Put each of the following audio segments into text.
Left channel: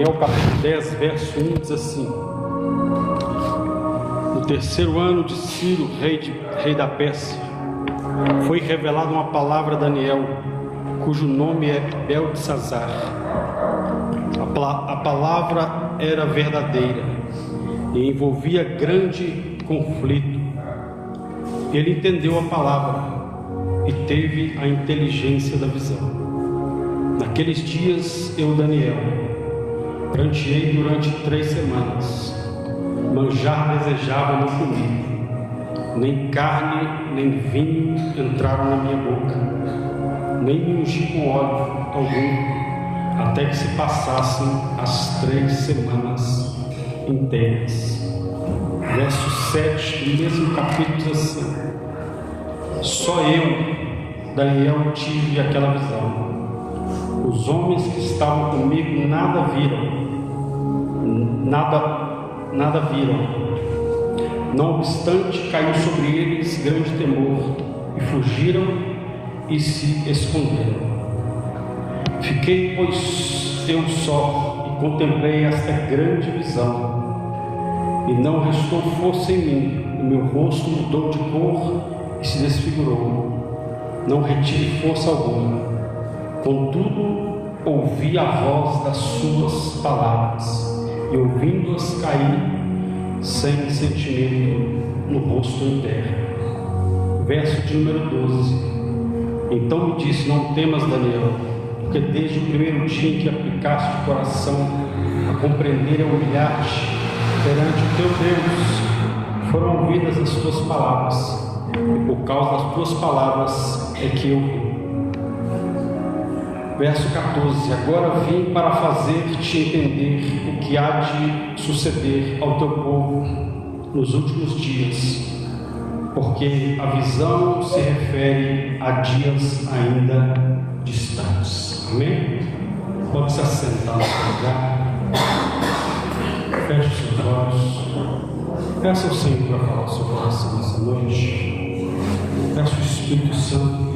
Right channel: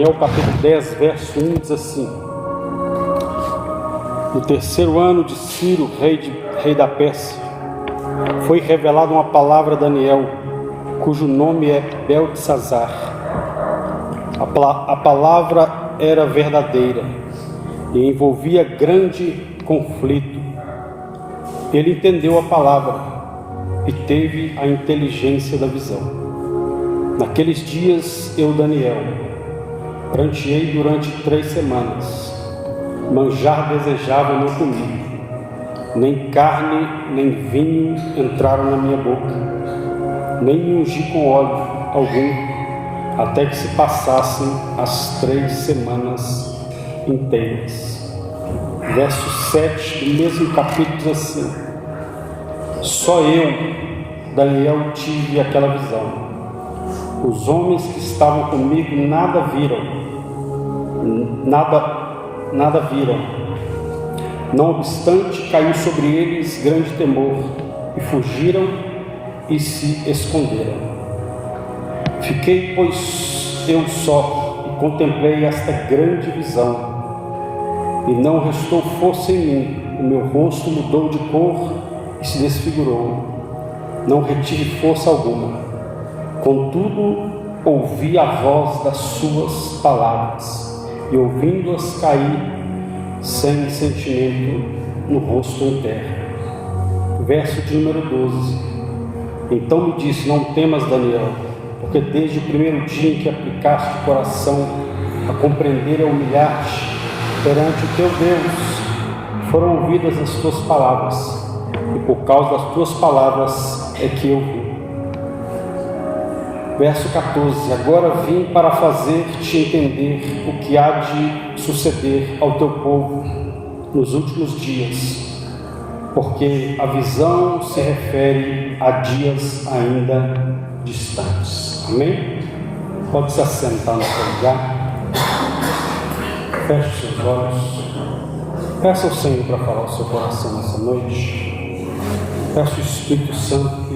Daniel capítulo 10, verso 1 diz assim: no terceiro ano de Ciro, rei da Pérsia, foi revelada uma palavra a Daniel, cujo nome é Beltesazar. A palavra era verdadeira e envolvia grande conflito. Ele entendeu a palavra e teve a inteligência da visão. Naqueles dias eu, Daniel, pranteei durante 3 semanas. Manjar desejava e não comi. Nem carne, nem vinho entraram na minha boca. Nem me ungi com óleo algum, até que se passassem as 3 semanas inteiras. Verso 7 do mesmo capítulo diz assim: só eu, Daniel, tive aquela visão. Os homens que estavam comigo nada viram. Não obstante, caiu sobre eles grande temor, e fugiram e se esconderam. Fiquei, pois, eu só, e contemplei esta grande visão, e não restou força em mim. O meu rosto mudou de cor e se desfigurou. Não retive força alguma. Contudo, ouvi a voz das suas palavras, e ouvindo-as caí sem sentimento no rosto em terra. Verso de número 12. Então me disse: não temas, Daniel, porque desde o primeiro dia em que aplicaste o coração a compreender e a humilhar-te perante o teu Deus, foram ouvidas as tuas palavras, e por causa das tuas palavras é que eu vim. Verso 14: agora vim para fazer-te entender o que há de suceder ao teu povo nos últimos dias, porque a visão se refere a dias ainda distantes. Amém? Pode se assentar no seu lugar. Feche os seus olhos. Peça ao Senhor para falar ao seu coração nessa noite. Peça ao Espírito Santo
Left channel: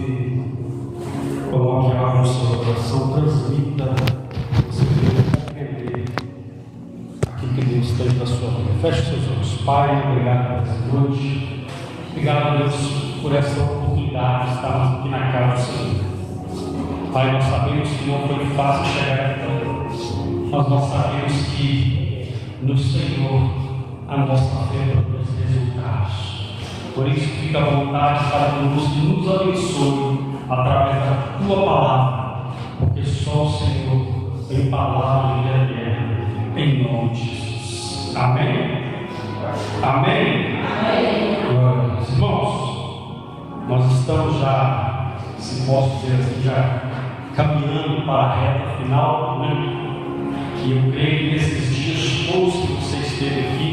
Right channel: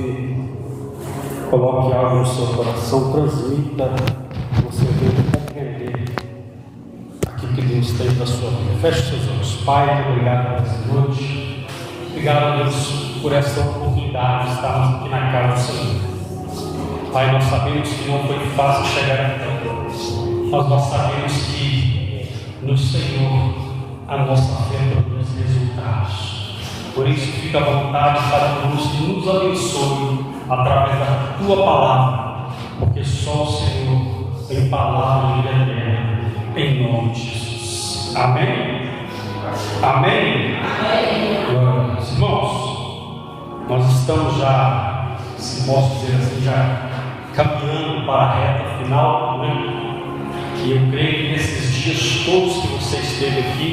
coloque algo no seu coração, transmita, você deve compreender aquilo que Deus tem para a sua vida. Feche seus olhos. Pai, obrigado por essa noite. Obrigado, Deus, por essa oportunidade de estarmos aqui na casa do Senhor. Pai, nós sabemos que não foi fácil chegar até aqui, mas nós sabemos que no Senhor a nossa fé produz resultados. Por isso, fica à vontade para que nos abençoe através da tua palavra, porque só o Senhor tem palavra de eterna, em nome de Jesus. Amém? Amém? Glória a Deus. Irmãos, nós estamos já, se posso dizer assim, já caminhando para a reta final, né? E eu creio que nesses dias todos que você esteve aqui,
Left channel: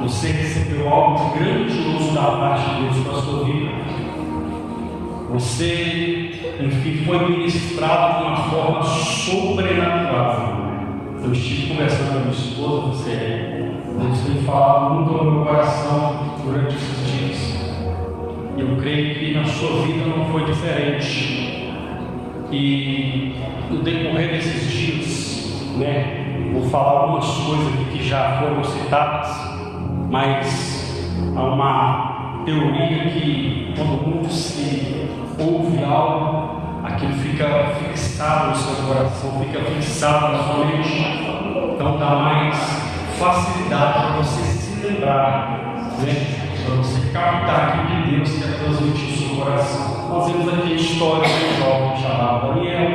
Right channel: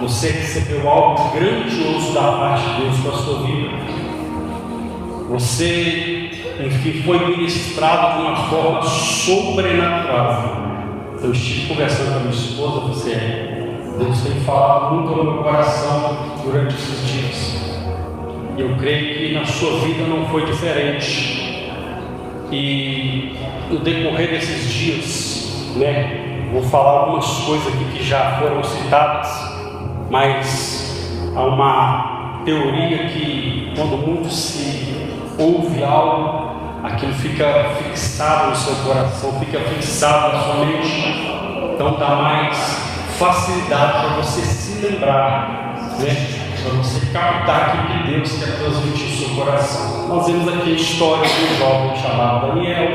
você recebeu algo grandioso da parte de Deus para a sua vida. Você, enfim, foi ministrado de uma forma sobrenatural. Eu estive conversando com a minha esposa, Deus tem falado muito no meu coração durante esses dias. E eu creio que na sua vida não foi diferente. E no decorrer desses dias, vou falar algumas coisas aqui que já foram citadas, mas há uma teoria que quando muito se ouve algo, aquilo fica fixado no seu coração, fica fixado na sua mente, então dá mais facilidade para você se lembrar, para você captar aquilo que Deus quer transmitir no seu coração. Nós vemos aqui a história de um jovem chamado Daniel,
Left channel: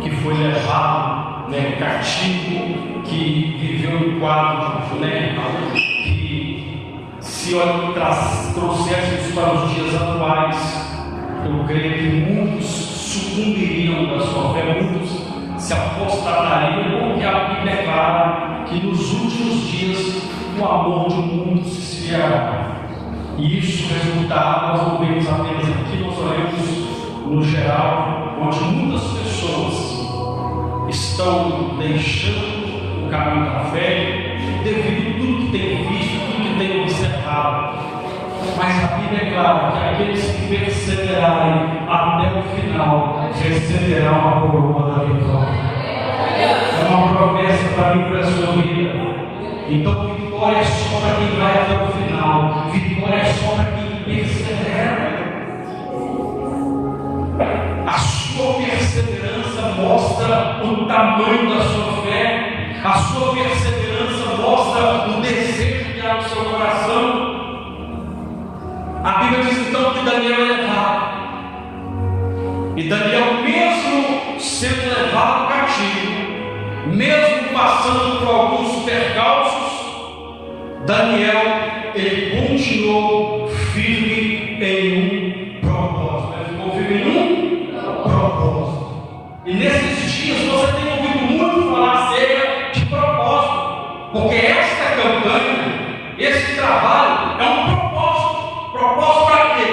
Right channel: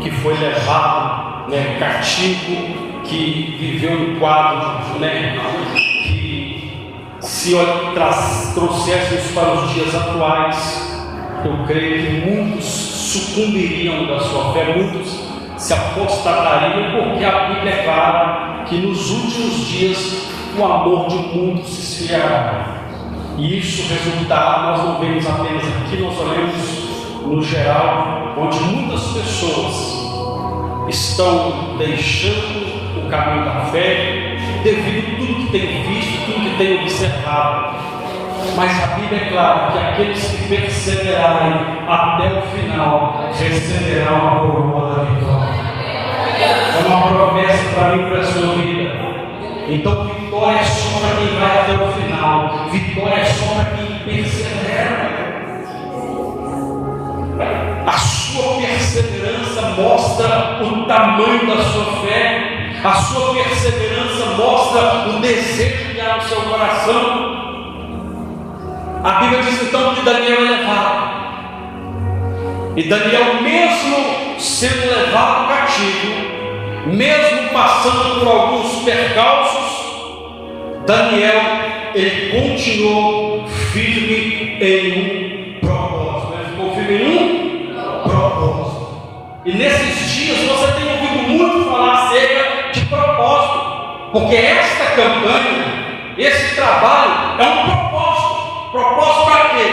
que foi levado cativo, que viveu um quadro, que se trouxesse isso para os dias atuais, eu creio que muitos sucumbiriam da sua fé, muitos se apostatariam, porque a Bíblia é clara que nos últimos dias o amor de muitos se esfriará. E isso resultará, nós não vemos apenas aqui, nós olhamos no geral, onde muitas pessoas estão deixando o caminho da fé devido a tudo que tem visto, tudo que tem observado. Mas a Bíblia é clara que aqueles que perseverarem até o final receberão a coroa da vitória. uma promessa para mim e para a sua vida. Então, vitória é só para quem vai até o final. Vitória é só para quem persevera. A sua perseverança mostra o tamanho da sua fé. A sua perseverança mostra o desejo que há no seu coração. A Bíblia diz então que Daniel é levado. E Daniel, mesmo sendo levado cativo, mesmo passando por alguns percalços, Daniel, ele continuou firme em um propósito. Ele ficou firme em um propósito. E nesses dias você tem ouvido muito falar acerca de propósito, porque esta campanha, esse trabalho é um propósito. Propósito para quê?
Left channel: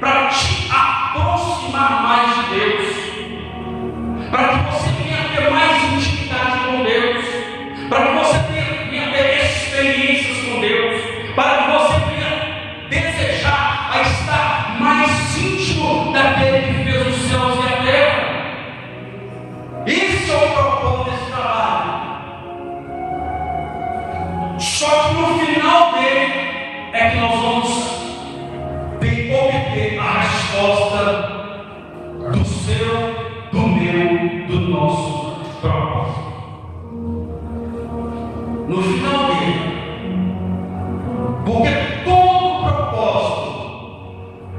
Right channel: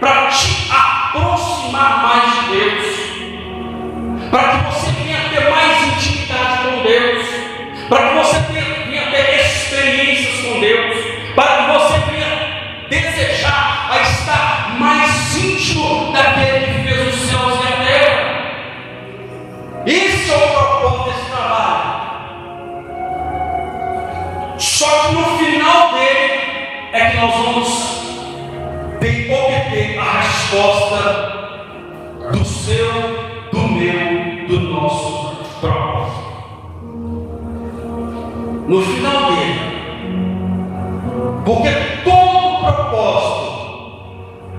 Para te aproximar mais de Deus, para que você venha ter mais intimidade com Deus, para que você venha ter experiências com Deus, para que você venha desejar a estar mais íntimo daquele que fez os céus e a terra. Esse é o propósito desse trabalho. Só que no final dele é que nós vamos obter a resposta do seu, do meu, do nosso propósito. No final dele, porque todo propósito,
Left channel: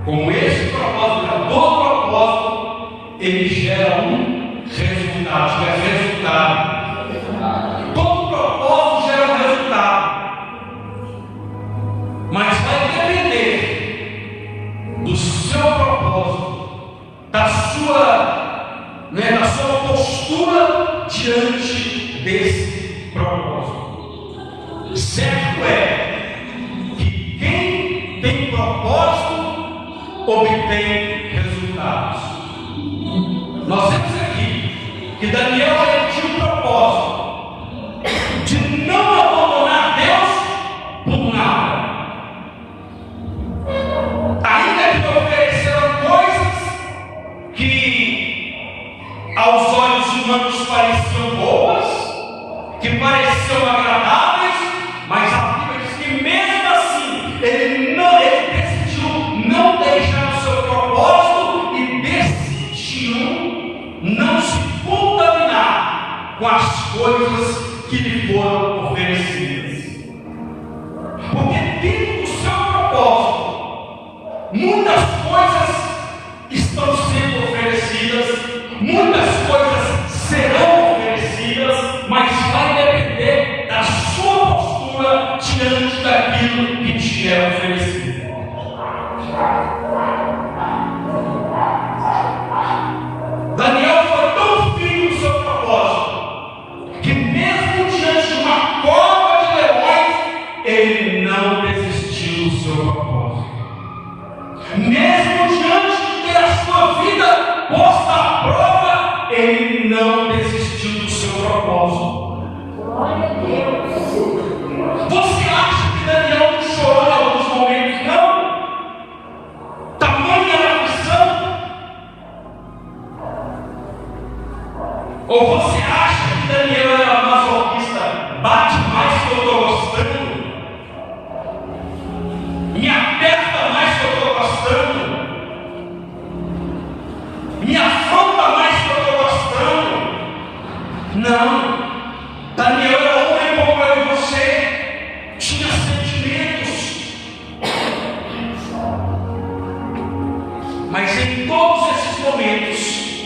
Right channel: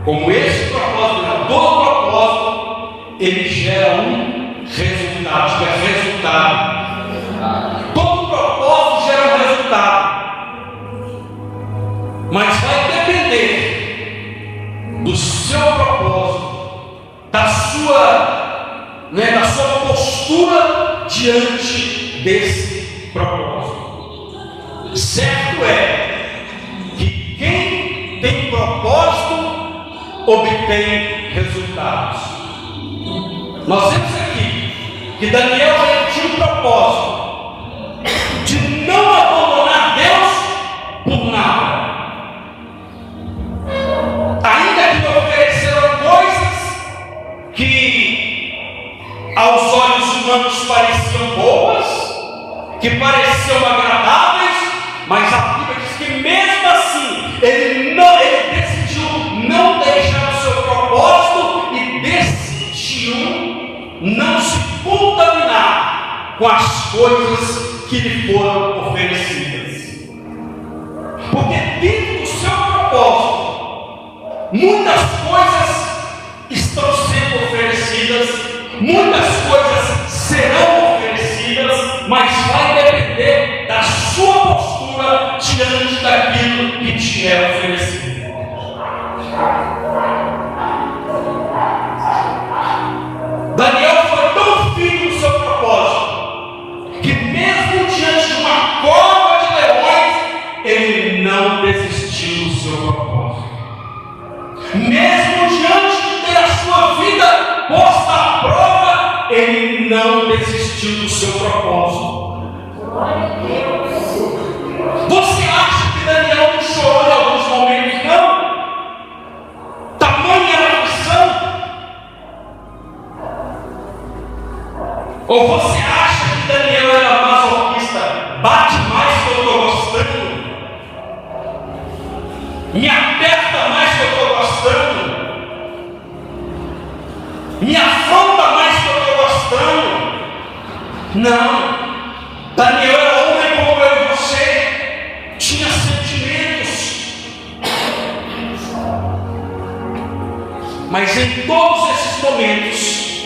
como esse propósito, todo propósito, ele gera um resultado, todo propósito gera um resultado, mas vai depender do seu propósito, da sua postura diante desse propósito. Certo é que quem tem propósito obtém resultados. Nós vemos aqui que Daniel tinha um propósito de não abandonar Deus por nada. Ainda que me ofereceram coisas que aos olhos humanos pareciam boas, que pareciam agradáveis, mas a Bíblia diz que mesmo assim ele decidiu não deixar o seu propósito e decidiu não se contaminar com as coisas que lhe foram oferecidas. Porque dentro do seu propósito, muitas coisas estão sendo oferecidas, muitas coisas serão oferecidas, mas vai depender da sua postura diante daquilo que te é oferecido. Daniel foi tão firme no seu propósito, que mesmo diante de uma cova de leões, ele não desistiu do seu propósito. Mesmo diante de ter a sua vida posta à prova, ele não desistiu do seu propósito. Você acha que Daniel não chorou em alguns momentos? Não. Tamanha era a aflição. Ou você acha que Daniel era masoquista? Bate mais que eu estou gostando, me aperta mais que eu estou gostando, me afronta mais que eu estou gostando. Não. Daniel era homem como eu e você, tinha sentimentos, mas em todos esses momentos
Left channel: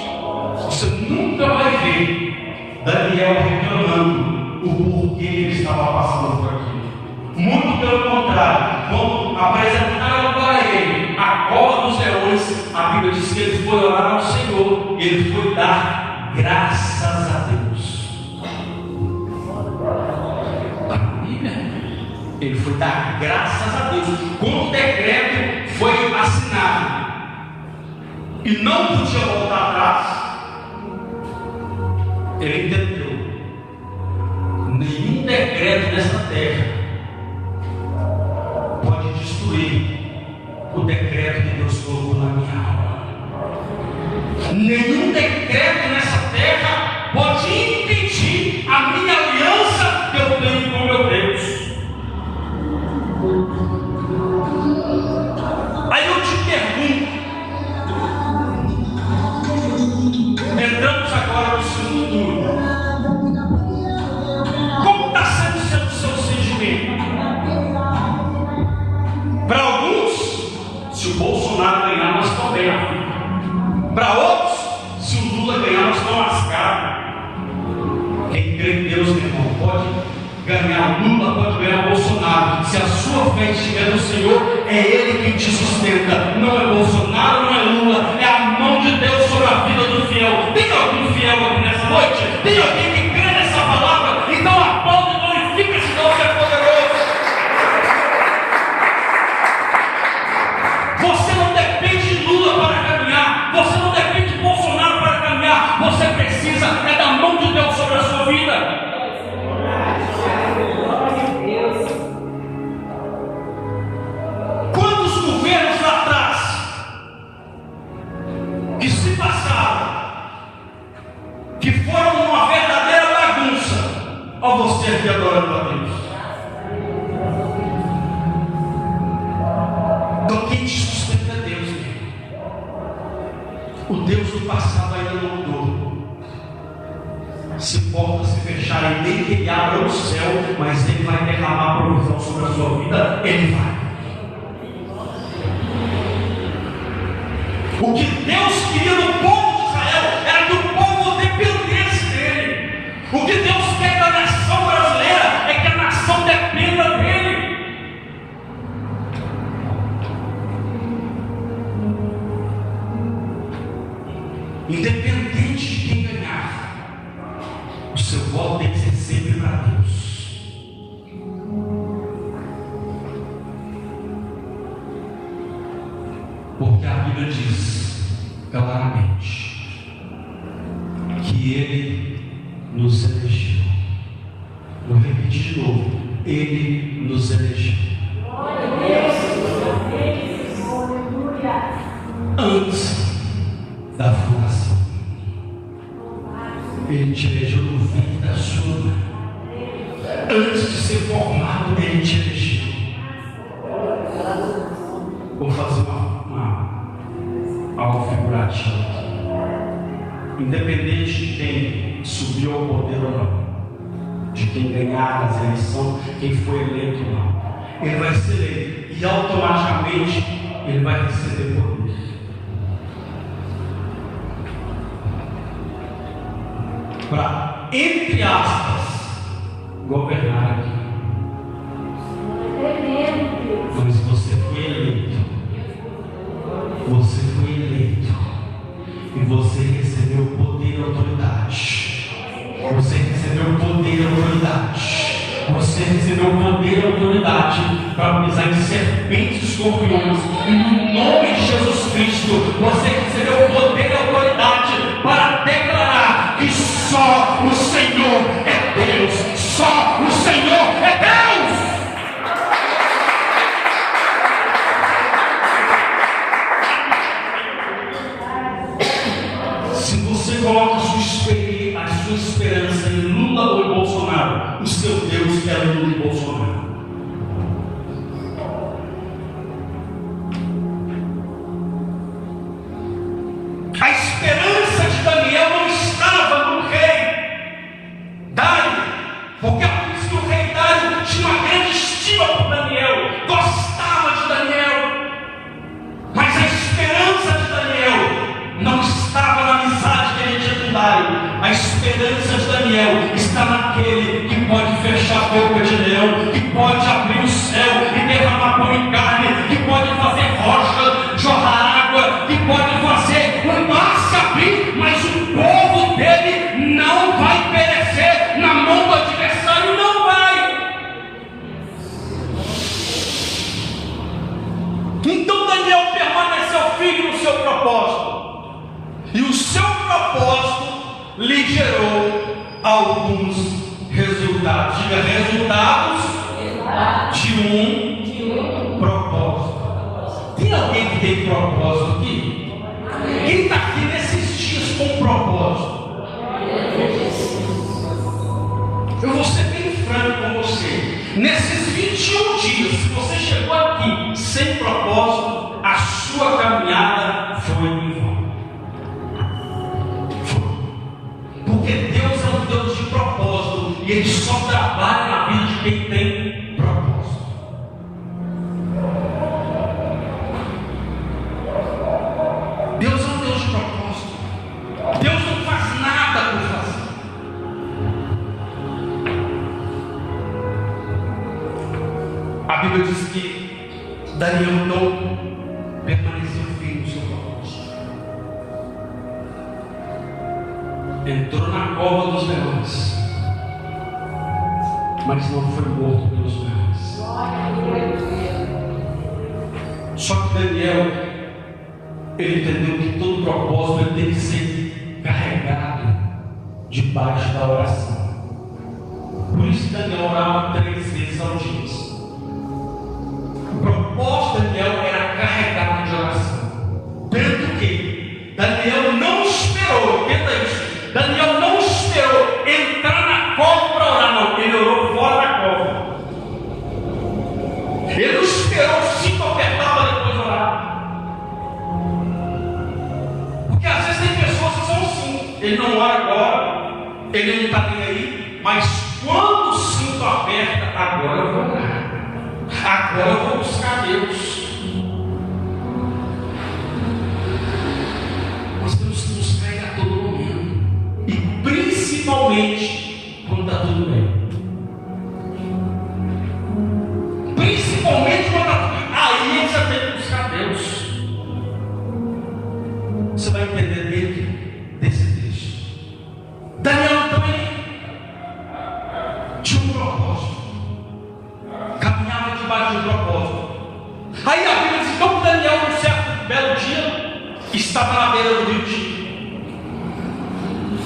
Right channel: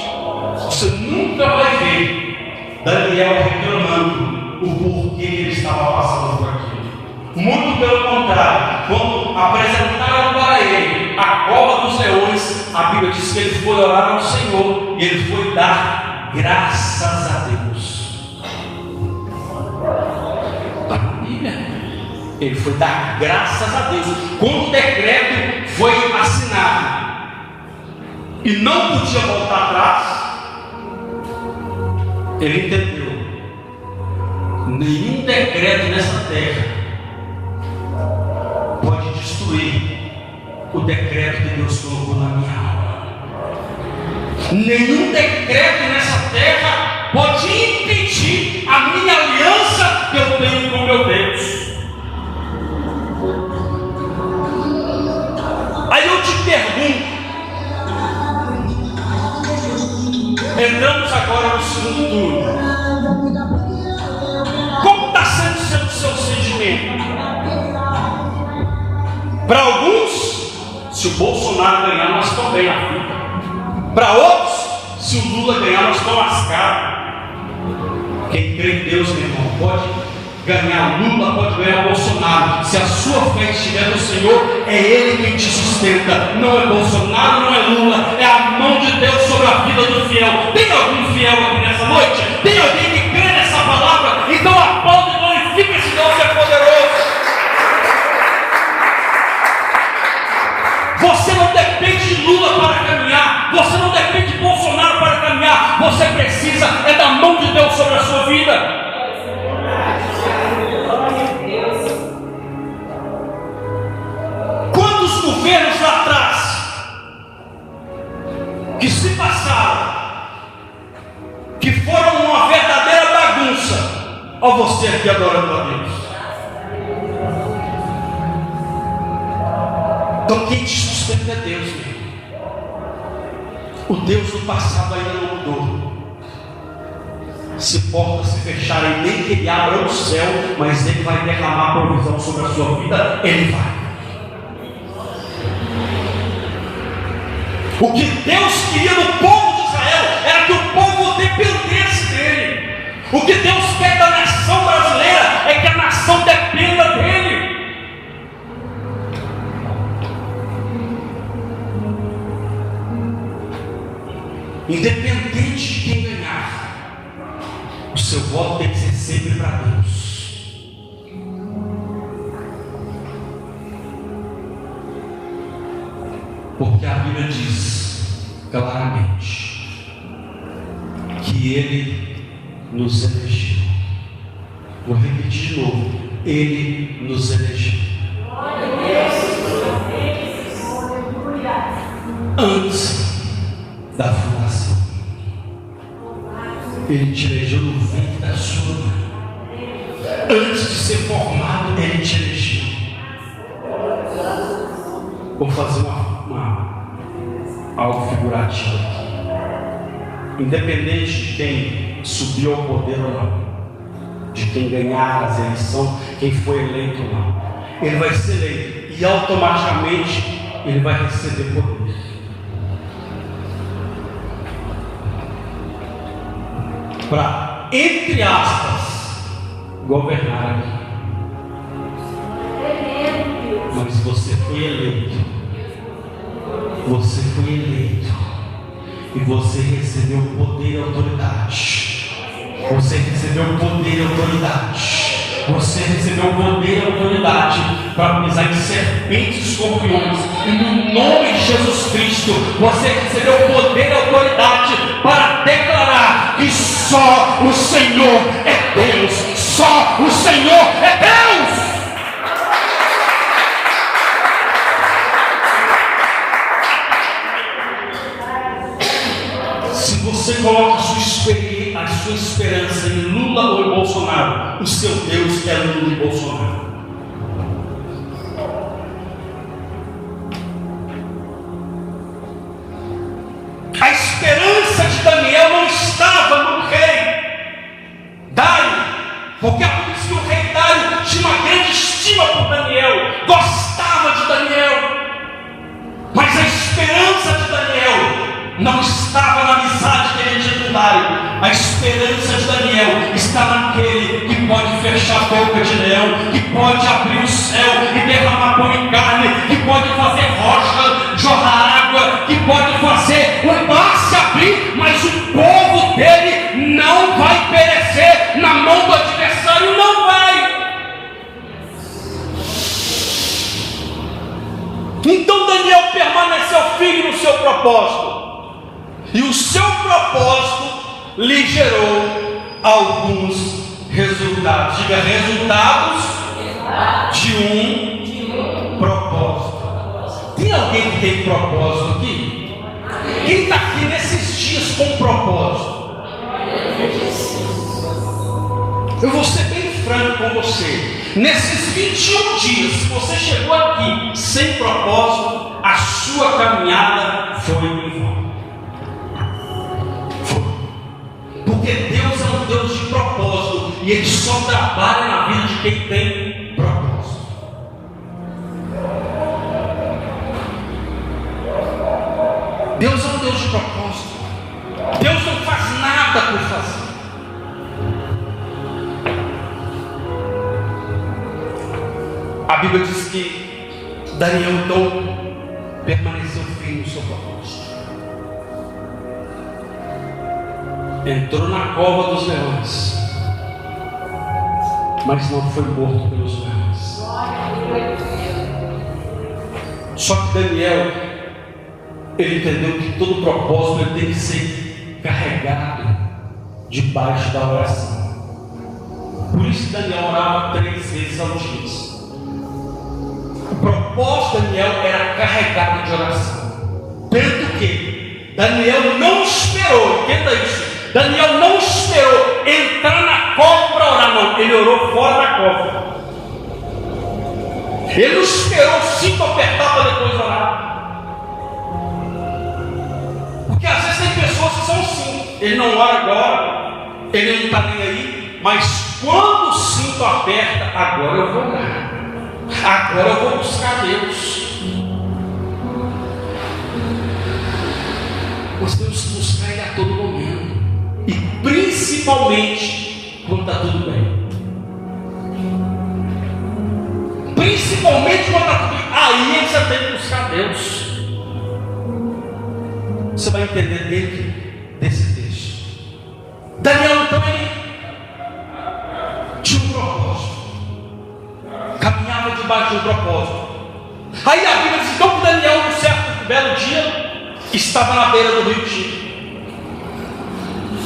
você nunca vai ver Daniel reclamando o porquê ele estava passando por aquilo. Muito pelo contrário, quando apresentaram para ele a cova dos leões, a Bíblia diz que ele foi orar ao Senhor e ele foi dar graças a Deus. A Bíblia, ele foi dar graças a Deus. Quando o decreto foi assinado e não podia voltar atrás, ele entendeu: nenhum decreto nessa terra pode destruir o decreto que Deus colocou na minha alma. Nenhum decreto nessa terra pode impedir a minha aliança que eu tenho com meu Deus. Aí eu te pergunto, entramos agora no segundo turno. Como está sendo o seu sentimento? Para alguns, se o Bolsonaro ganhar, nós estamos bem na vida. Para outros, se o Lula ganhar, nós estamos lascados. Quem crê em Deus, meu irmão, pode ganhar Lula, pode ganhar Bolsonaro. Se a sua fé estiver no Senhor, é Ele quem te sustenta. Não é Bolsonaro, não é Lula, é a mão de Deus sobre a vida do fiel. Tem algum fiel aqui nessa noite? Tem alguém que crê nessa palavra? Então aplaude e glorifica esse Deus que é poderoso. Você não depende de Lula para caminhar, você não depende de Bolsonaro para caminhar, você precisa é da mão de Deus sobre a sua vida. Quantos governos lá atrás que se passaram, que foram uma verdadeira bagunça, ó você aqui adorando a Deus. Então quem te sustenta é Deus, meu. O Deus do passado ainda não mudou. Se portas se fecharem, nem que Ele abra o céu, mas Ele vai derramar provisão sobre a sua vida, Ele vai. O que Deus queria no povo de Israel era que o povo dependesse dele. O que Deus quer da nação brasileira é que a nação dependa dele. Independente de quem ganhar, o seu voto tem que ser sempre para Deus. Porque a Bíblia diz claramente que Ele nos elegeu. Vou repetir de novo: Ele nos elegeu. Antes da fundação, Ele te elegeu no ventre da sua mãe. Antes de ser formado, Ele te elegeu. Vou fazer algo figurativo aqui. Independente de quem subiu ao poder ou não, de quem ganhar as eleições, quem foi eleito ou não, ele vai ser eleito e automaticamente ele vai receber poder. Para, entre aspas, governar aqui. Mas você foi eleito. Você foi eleito. E você recebeu poder e autoridade. Você recebeu poder e autoridade. Você recebeu poder e autoridade para pisar em serpentes e escorpiões. E no nome de Jesus Cristo, você recebeu poder e autoridade para declarar que só o Senhor é Deus. Só o Senhor é Deus. Se você coloca a sua esperança em Lula ou em Bolsonaro, o seu Deus é Lula e Bolsonaro. A esperança de Daniel não estava no rei Dário, porque é por isso que o rei Dário tinha uma grande estima por Daniel, gostava de Daniel. Mas a esperança de Daniel não estava na amizade que ele tinha com Dário. A esperança de Daniel está naquele que pode fechar a boca de leão, que pode abrir o céu e derramar pão e carne, que pode fazer rocha jorrar água, que pode fazer o mar se abrir, mas o povo dele não vai perecer na mão do adversário, não vai. Então Daniel permaneceu firme no seu propósito. E o seu propósito lhe gerou alguns resultados. Diga, resultados de um propósito. Tem alguém que tem propósito aqui? Quem está aqui nesses dias com propósito? Eu vou ser bem franco com você. Nesses 21 dias, se você chegou aqui sem propósito, a sua caminhada foi em vão. Porque Deus é um Deus de propósito e Ele só trabalha na vida de quem tem propósito. Deus é um Deus de propósito. Deus não faz nada por fazer. A Bíblia diz que Daniel então permaneceu firme no seu propósito. Entrou na cova dos leões, mas não foi morto pelos leões. Só que Daniel, ele entendeu que todo propósito ele tem que ser carregado debaixo da oração. Por isso que Daniel orava 3 vezes ao dia. O propósito de Daniel era carregado de oração. Tanto que Daniel não esperou, entenda isso. Daniel não esperou entrar na cova para orar, não. Ele orou fora da cova. Ele não esperou o cinto apertar para depois orar. Porque às vezes tem pessoas que são assim. Ele não ora agora, ele não está nem aí, mas quando o cinto aperta, agora eu vou orar. Agora eu vou buscar Deus. Nós temos que buscar Ele a todo momento. E principalmente quando está tudo bem. Principalmente quando está tudo bem. Aí você tem que buscar Deus. Você vai entender dentro desse texto. Daniel também tinha um propósito. Caminhava debaixo de um propósito. Aí a Bíblia diz então que Daniel, num certo belo dia, estava na beira do rio Tigre.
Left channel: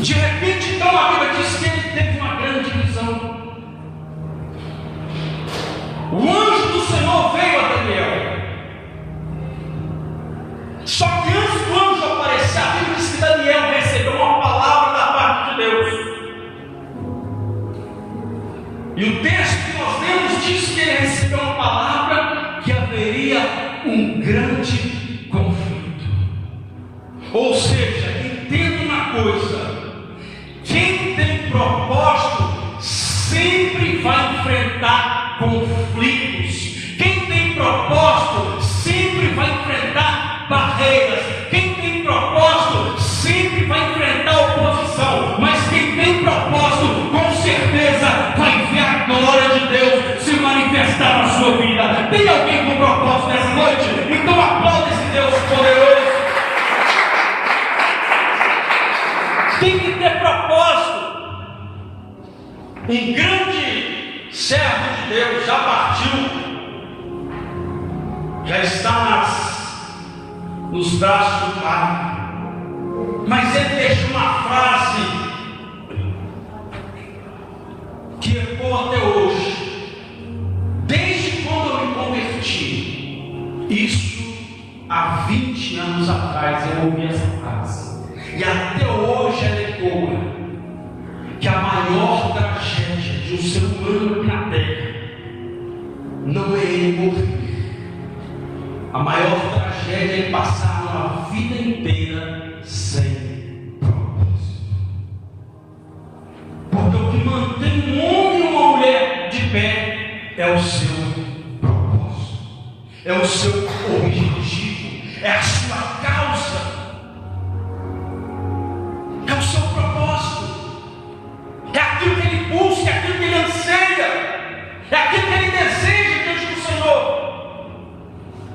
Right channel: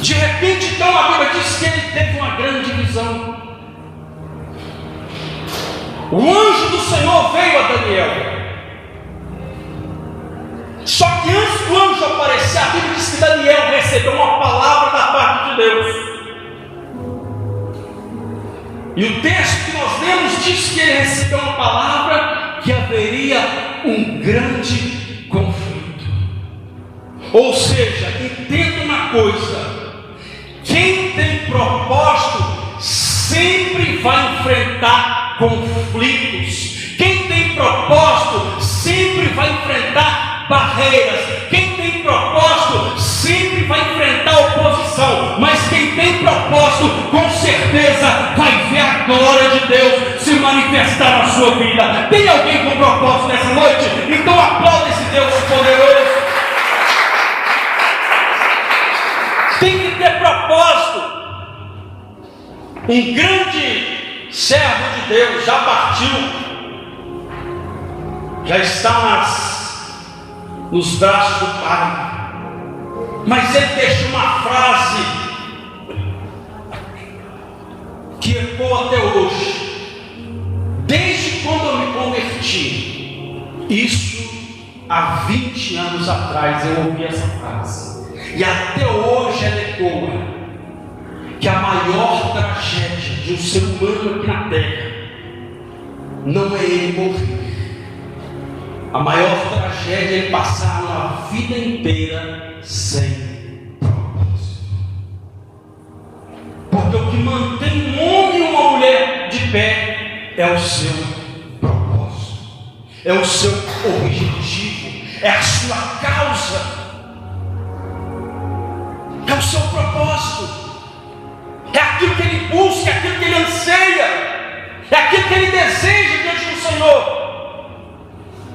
De repente, então, a Bíblia diz que ele teve uma grande visão. O anjo do Senhor veio a Daniel. Só que antes do anjo aparecer, a Bíblia diz que Daniel recebeu uma palavra da parte de Deus. E o texto que nós lemos diz que ele recebeu uma palavra que haveria um grande conflito. Ou seja, entenda uma coisa: quem tem propósito sempre vai enfrentar conflitos. Quem tem propósito sempre vai enfrentar barreiras. Quem tem propósito sempre vai enfrentar oposição. Mas quem tem propósito, com certeza vai ver a glória de Deus se manifestar na sua vida. Tem alguém com propósito nessa noite? Então aplauda esse Deus poderoso. Tem que ter propósito. Um grande servo de Deus já partiu, já está nos braços do Pai, mas ele deixou uma frase que ecoa até hoje. Desde quando eu me converti, isso há 20 anos atrás eu ouvi essa frase. E até hoje ela ecoa, que a maior tragédia de um ser humano aqui na terra não é ele morrer. A maior tragédia é ele passar uma vida inteira sem propósito. Porque o que mantém um homem e uma mulher de pé é o seu propósito, é o seu objetivo, é a sua causa. É o seu propósito, é aquilo que ele busca, é aquilo que ele anseia, é aquilo que ele deseja diante do Senhor.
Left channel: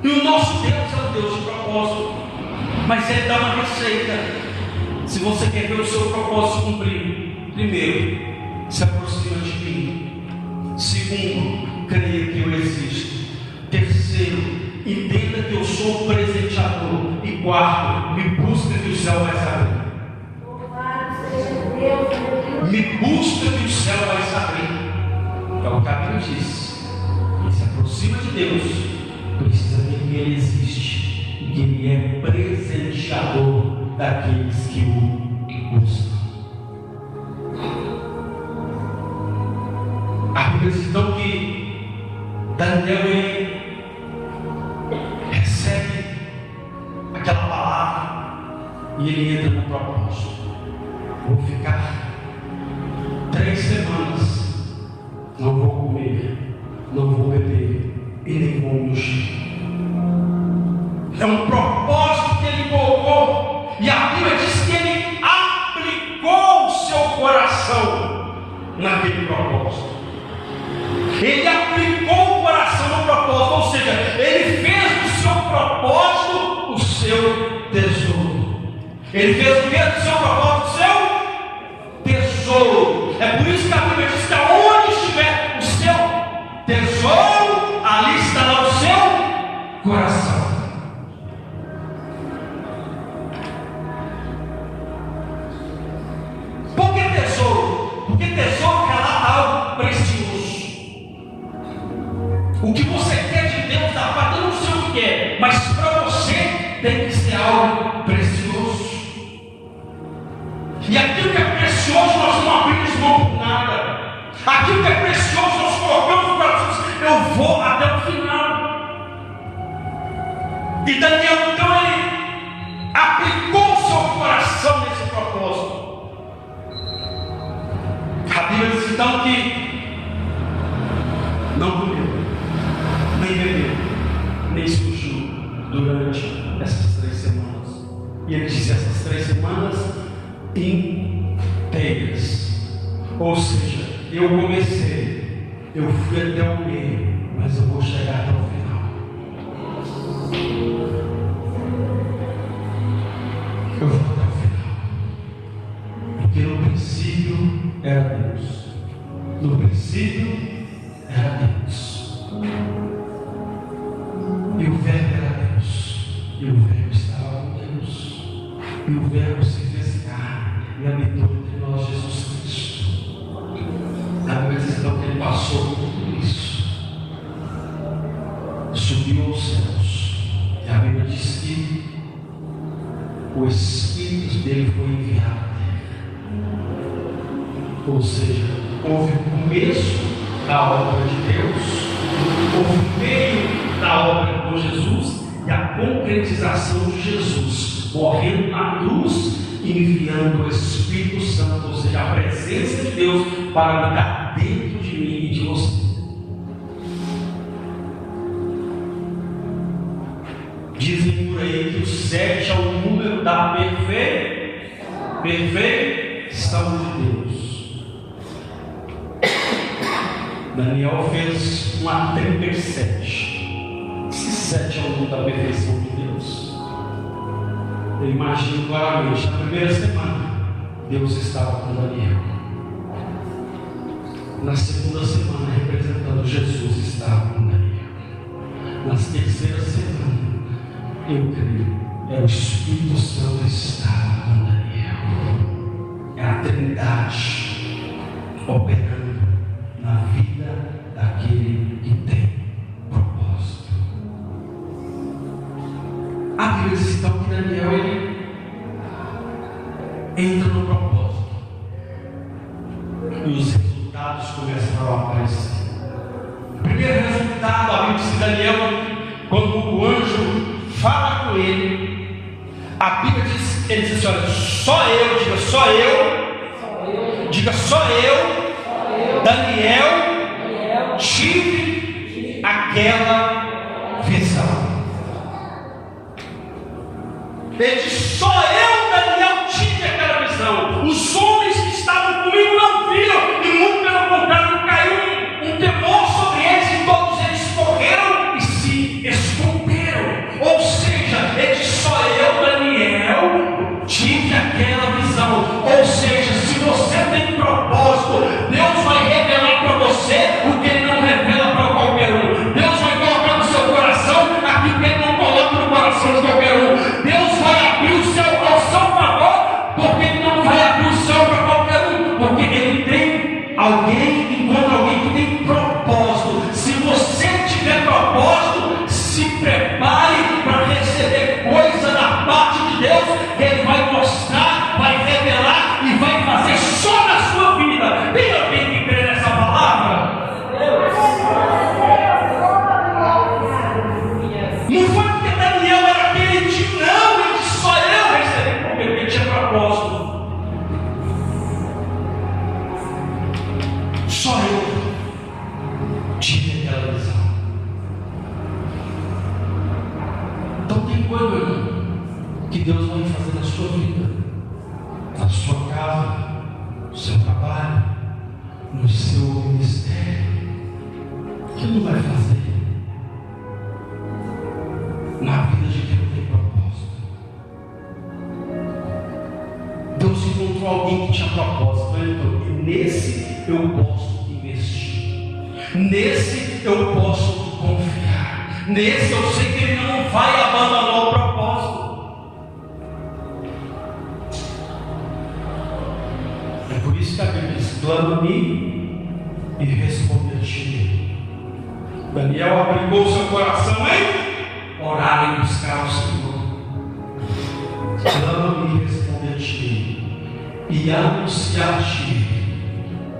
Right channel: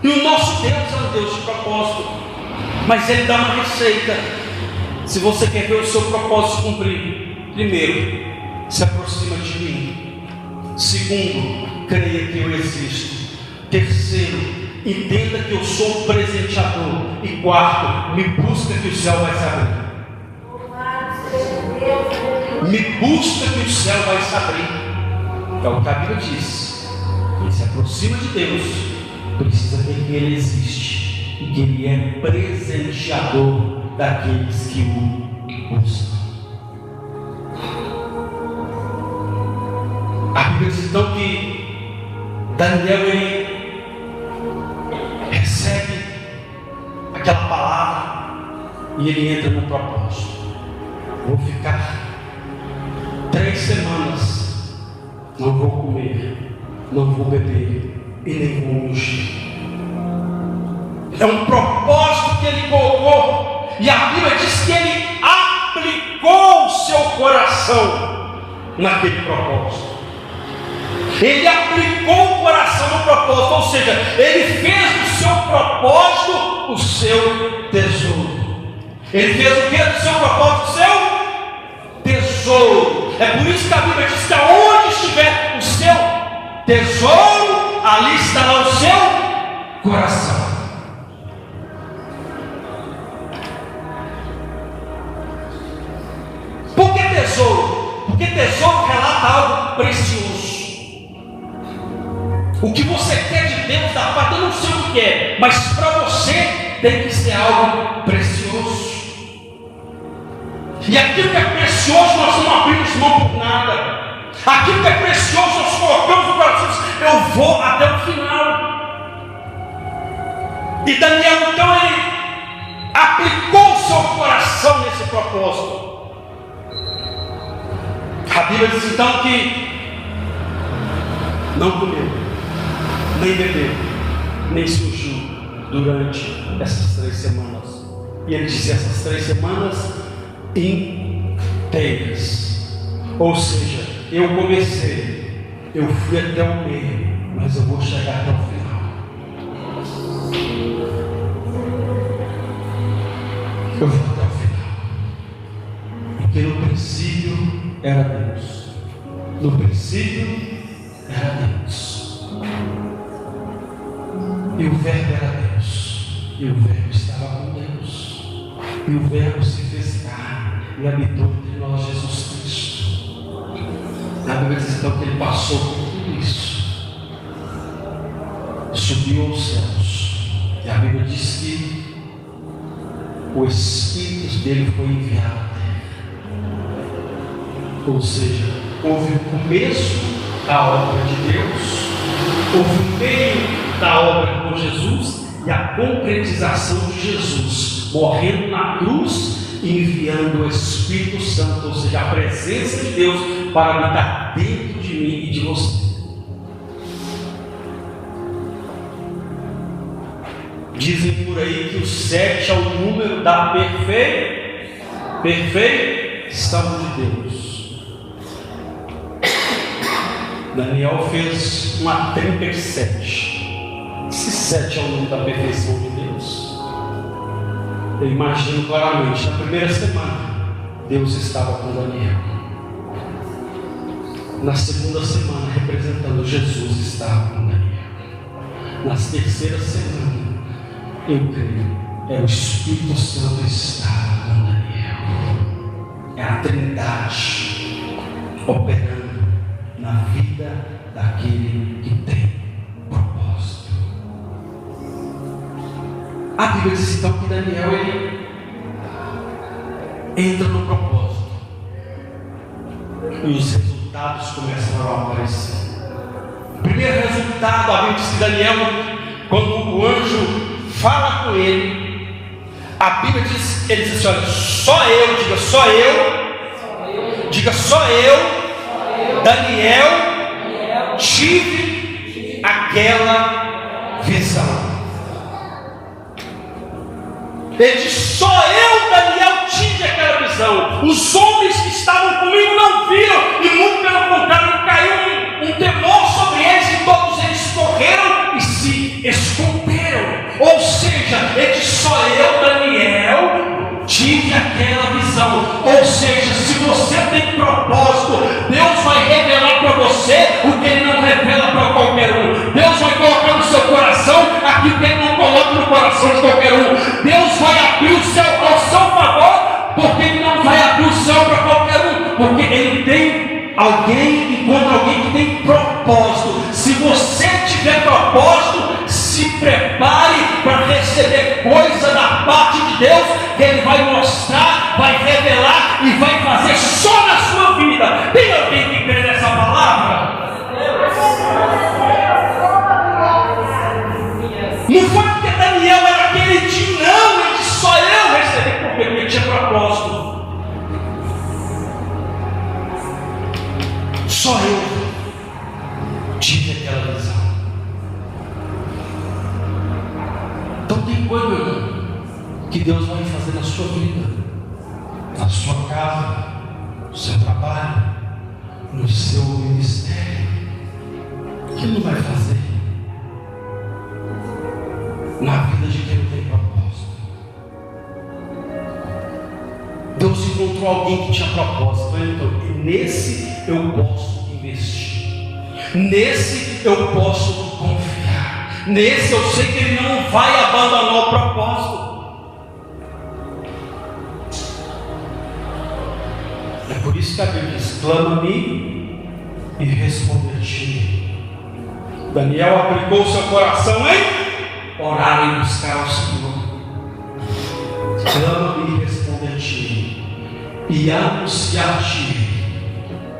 E o nosso Deus é um Deus de propósito, mas Ele dá uma receita. Se você quer ver o seu propósito cumprir, primeiro, se aproxima de mim. Segundo, creia que eu existo. Terceiro, entenda que eu sou o presenteador. E quarto, me busca que o céu vai se abrir. Me busca que o céu vai se abrir. É o que a Bíblia diz. Quem se aproxima de Deus precisa ver que Ele existe. e que Ele é presenteador daqueles que o buscam. A Bíblia diz então que Daniel ele recebe aquela palavra e ele entra no propósito. Vou ficar 3 semanas, não vou comer, não vou beber e nem vou me ungir. É um propósito que ele colocou, e a Bíblia diz que ele aplicou o seu coração naquele propósito. Ele aplicou o coração no propósito, ou seja, ele fez do seu propósito o seu tesouro. Ele fez o que do seu propósito? O seu tesouro. É por isso que a Bíblia diz que aonde estiver o seu tesouro, ali estará o seu coração. Por que tesouro? Porque tesouro relata algo precioso. O que você quer de Deus da parte, eu não sei o que é, mas para você tem que ser algo precioso. E aquilo que é precioso nós não abrimos mão por nada. Aquilo que é precioso nós colocamos no coração. Eu vou até o final. E Daniel então ele aplicou o seu coração nesse propósito. A Bíblia diz então que não comeu, nem bebeu, nem sujou durante essas 3 semanas. E ele disse essas 3 semanas inteiras. Ou seja, eu comecei, eu fui até o meio, mas eu vou chegar até o final. Eu vou até o final. Porque no princípio era Deus. No princípio era Deus. E o Verbo era Deus. E o Verbo estava com Deus. E o Verbo se fez carne e habitou entre nós, Jesus Cristo. A Bíblia diz então que ele passou por tudo isso, subiu aos céus, e a Bíblia diz que o Espírito dele foi enviado à terra. Ou seja, houve o começo da obra de Deus, houve o meio da obra com Jesus e a concretização de Jesus, morrendo na cruz, enviando o Espírito Santo, ou seja, a presença de Deus para habitar dentro de mim e de você. Dizem por aí que o 7 é o número da perfeição de Deus. Daniel fez uma trinca de 7. Se 7 é o número da perfeição de Deus, eu imagino claramente, na primeira semana, Deus estava com Daniel. Na segunda semana, representando Jesus, estava com Daniel. Na terceira semana, eu creio, é o Espírito Santo que estava com Daniel. É a Trindade operando na vida daquele que tem propósito. A Bíblia diz então que Daniel ele entra no propósito e os resultados começam a aparecer. O primeiro resultado, a Bíblia diz que Daniel, quando o anjo fala com ele, a Bíblia diz, ele diz assim: olha, só eu, diga só eu, Daniel, tive aquela visão. Ele diz: só eu, Daniel, tive aquela visão. Os homens que estavam comigo não viram, e muito pelo contrário, caiu um temor sobre eles, e todos eles correram e se esconderam. Ou seja, ele diz: só eu, Daniel, tive aquela visão. Ou seja, se você tem propósito, Deus vai revelar para você o que Ele não revela para qualquer um. Deus vai colocar no seu coração aquilo que Ele não coloca no coração de qualquer um. Deus vai abrir o céu ao seu favor, porque Ele não vai abrir o céu para qualquer um, porque Ele tem alguém, encontra alguém que tem propósito. Se você tiver propósito, se prepare para receber receber coisa da parte de Deus, que Ele vai mostrar, vai revelar e vai fazer só na sua vida. Tem alguém que crê nessa palavra? Não foi porque Daniel era queridinho, não. Ele disse: só eu recebi, porque ele tinha propósito. Só eu tive aquela visão. Então tem coisa, meu irmão, que Deus vai fazer na sua vida, na sua casa, no seu trabalho, no seu ministério, que Ele não vai fazer na vida de quem não tem propósito. Deus encontrou alguém que tinha propósito. Então, nesse eu posso investir, nesse eu posso confiar, nesse eu sei que Ele não vai abandonar o propósito. É por isso que a Bíblia diz: clama-me e responder-te. Daniel aplicou seu coração em orar e buscar o Senhor. Clama-me e responder-te e anunciar-te.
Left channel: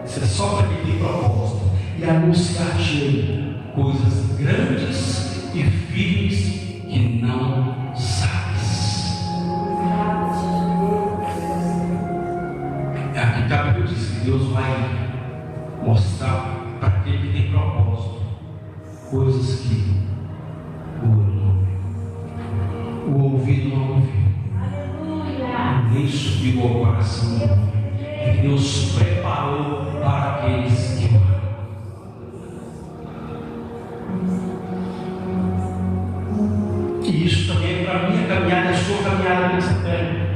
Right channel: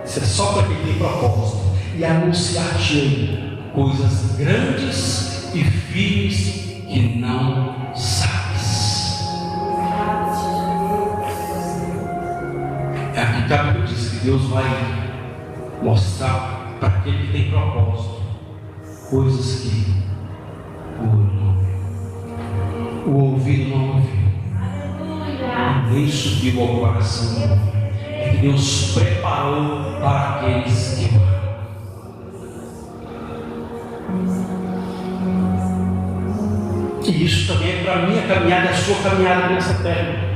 Isso é só para quem tem propósito. E anunciar-te coisas grandes e firmes que não sabes. É aqui que a Bíblia diz que Deus vai mostrar para aquele que tem propósito coisas que o ouvido não ouviu, nem subiu ao coração, que Deus preparou para aqueles que amam. E isso também é para a minha caminhada, a sua caminhada nessa terra.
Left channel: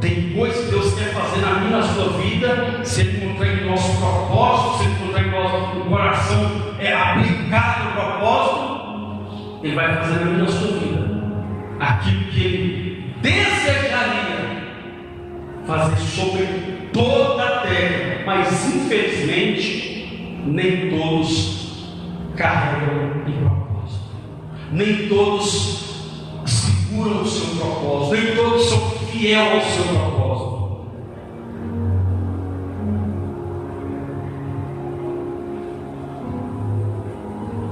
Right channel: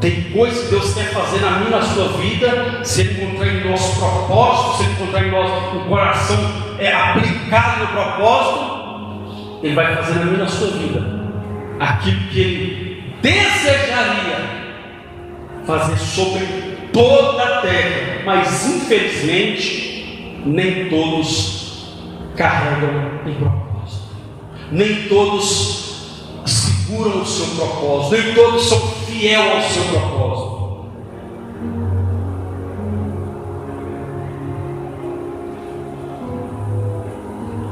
Tem coisas que Deus quer fazer na minha e na sua vida, se Ele encontrar em nosso propósito, se Ele encontrar em nosso coração aplicado no propósito, Ele vai fazer na minha e na sua vida aquilo que Ele desejaria fazer sobre toda a terra. Mas infelizmente nem todos carregam em propósito, nem todos seguram o seu propósito, nem todos são fiéis ao seu propósito.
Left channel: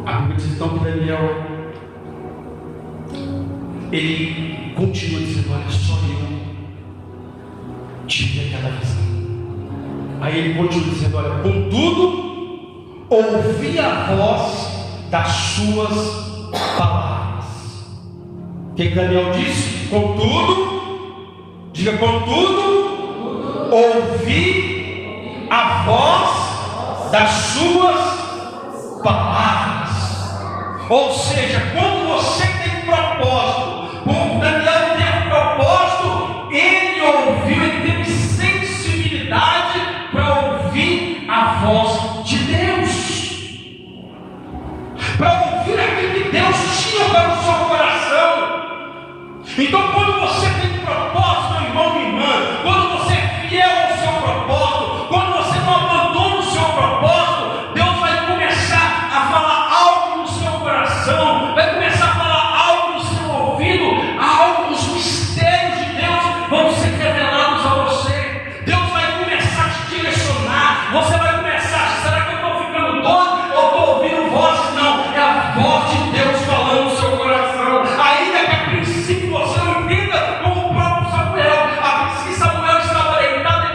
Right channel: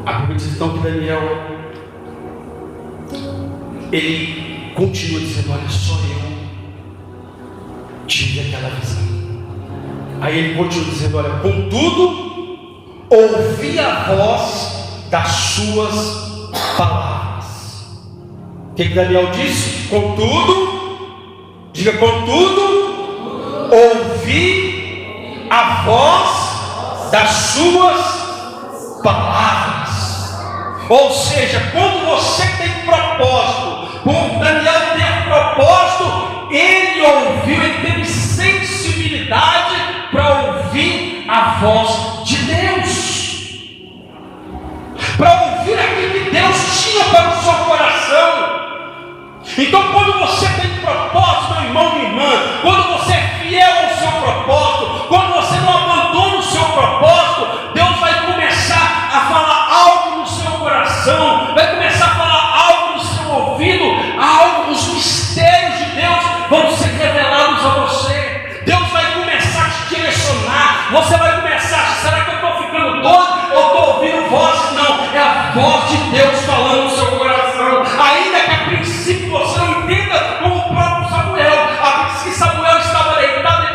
A Bíblia diz então que Daniel, ele continua dizendo: olha, só eu tive aquela visão. Aí ele continua dizendo: olha, contudo, ouvi a voz das suas palavras. O que Daniel disse? Contudo, diga contudo, ouvi a voz das suas palavras. Ou seja, quando você tem propósito, como Daniel teve propósito, ele ouviu, ele teve sensibilidade para ouvir a voz de Deus, para ouvir aquilo que Deus tinha para o seu coração. Então, quando você tem propósito, meu irmão, minha irmã, quando você é fiel ao seu propósito, quando você não abandona o seu propósito, Deus vai começar a falar algo no seu coração, vai começar a falar algo no seu ouvido, algo, os mistérios de Deus vão ser revelados a você. Deus vai começar a te direcionar. Você vai começar a: será que eu estou ficando doido ou estou ouvindo voz? Não, é a voz de Deus falando no seu coração. Ainda que a princípio você não entenda, como o próprio Samuel. A princípio Samuel estava deitado,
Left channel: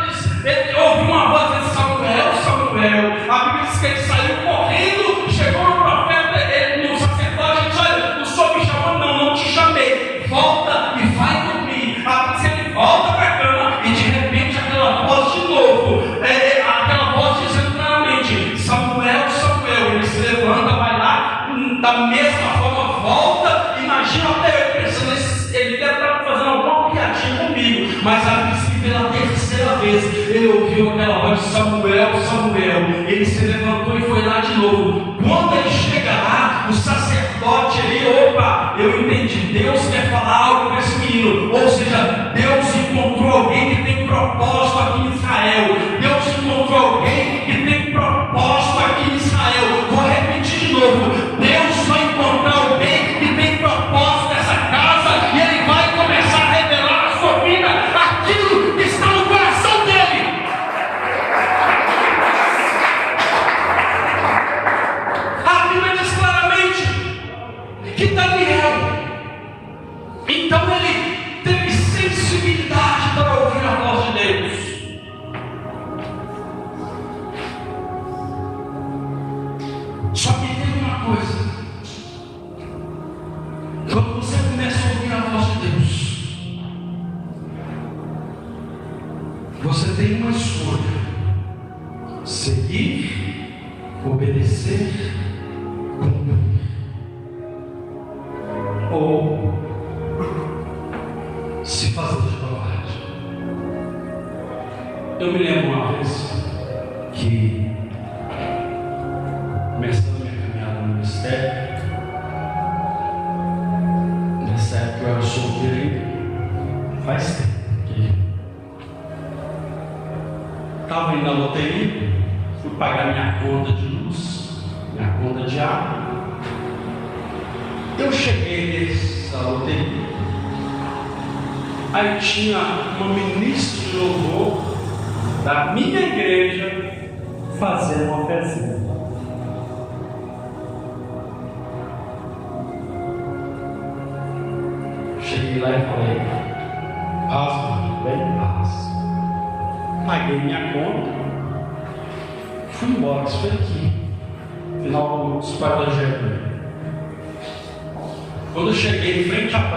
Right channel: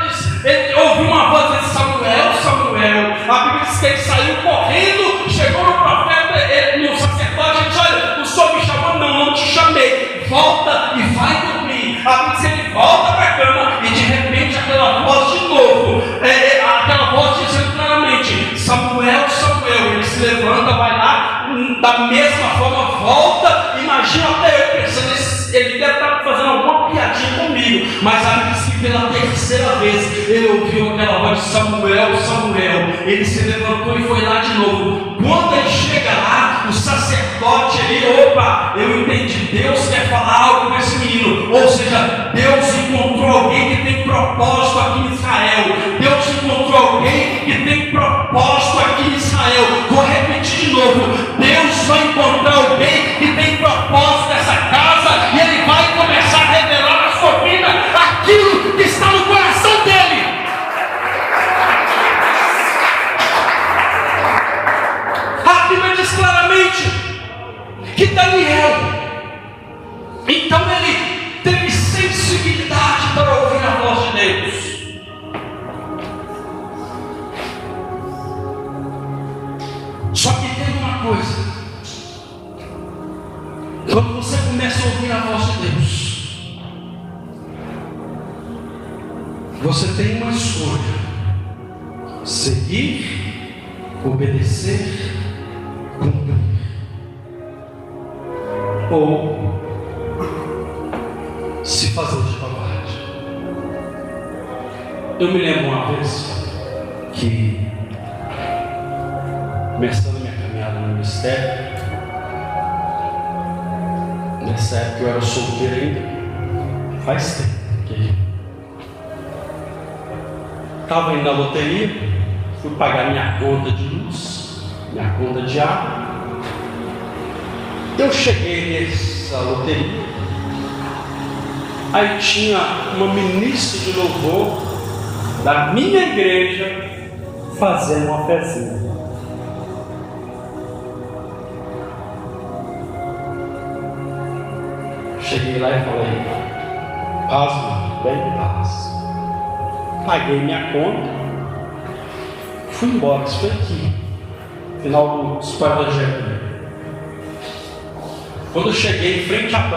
ele ouviu uma voz e disse: Samuel, Samuel. A Bíblia diz que ele saiu correndo, chegou no profeta, no sacerdote, e disse: olha, o senhor me chamou? Não, não te chamei. Volta e vai dormir. A Bíblia diz que ele volta para a cama e de repente aquela voz de novo, aquela voz dizendo claramente: Samuel, Samuel. Ele se levanta, vai lá, da mesma forma volta. Imagina até eu pensando: ele deve estar fazendo alguma piadinha comigo. Mas a Bíblia diz que pela terceira vez ele ouviu aquela voz de: Samuel, Samuel. Ele se levantou e foi lá de novo. Quando ele chega lá, o sacerdote ali: opa, eu entendi, Deus quer falar algo com esse menino. Ou seja, Deus encontrou alguém que tem propósito aqui em Israel. Deus encontrou alguém que tem propósito aqui em Israel. Vou repetir de novo: Deus vai encontrar alguém que tem propósito nessa casa Então ele teve sensibilidade para ouvir a voz de Deus. Só que tem uma coisa: quando você começa a ouvir a voz de Deus, você tem uma escolha: seguir, obedecer, cumprir, ou se fazer de covarde. Eu me lembro uma vez que, começando minha caminhada no ministério, nessa época eu era solteiro ainda, faz tempo que estava indo na loteria, fui pagar minha conta de luz, minha conta de água. Eu cheguei nessa loteria, aí tinha uma ministra de louvor da minha igreja fazendo uma fezinha. Cheguei lá e falei: paz, mano, bem paz. Paguei minha conta, fui embora. Isso foi aqui, final do História da Jeremias. Quando eu cheguei em frente à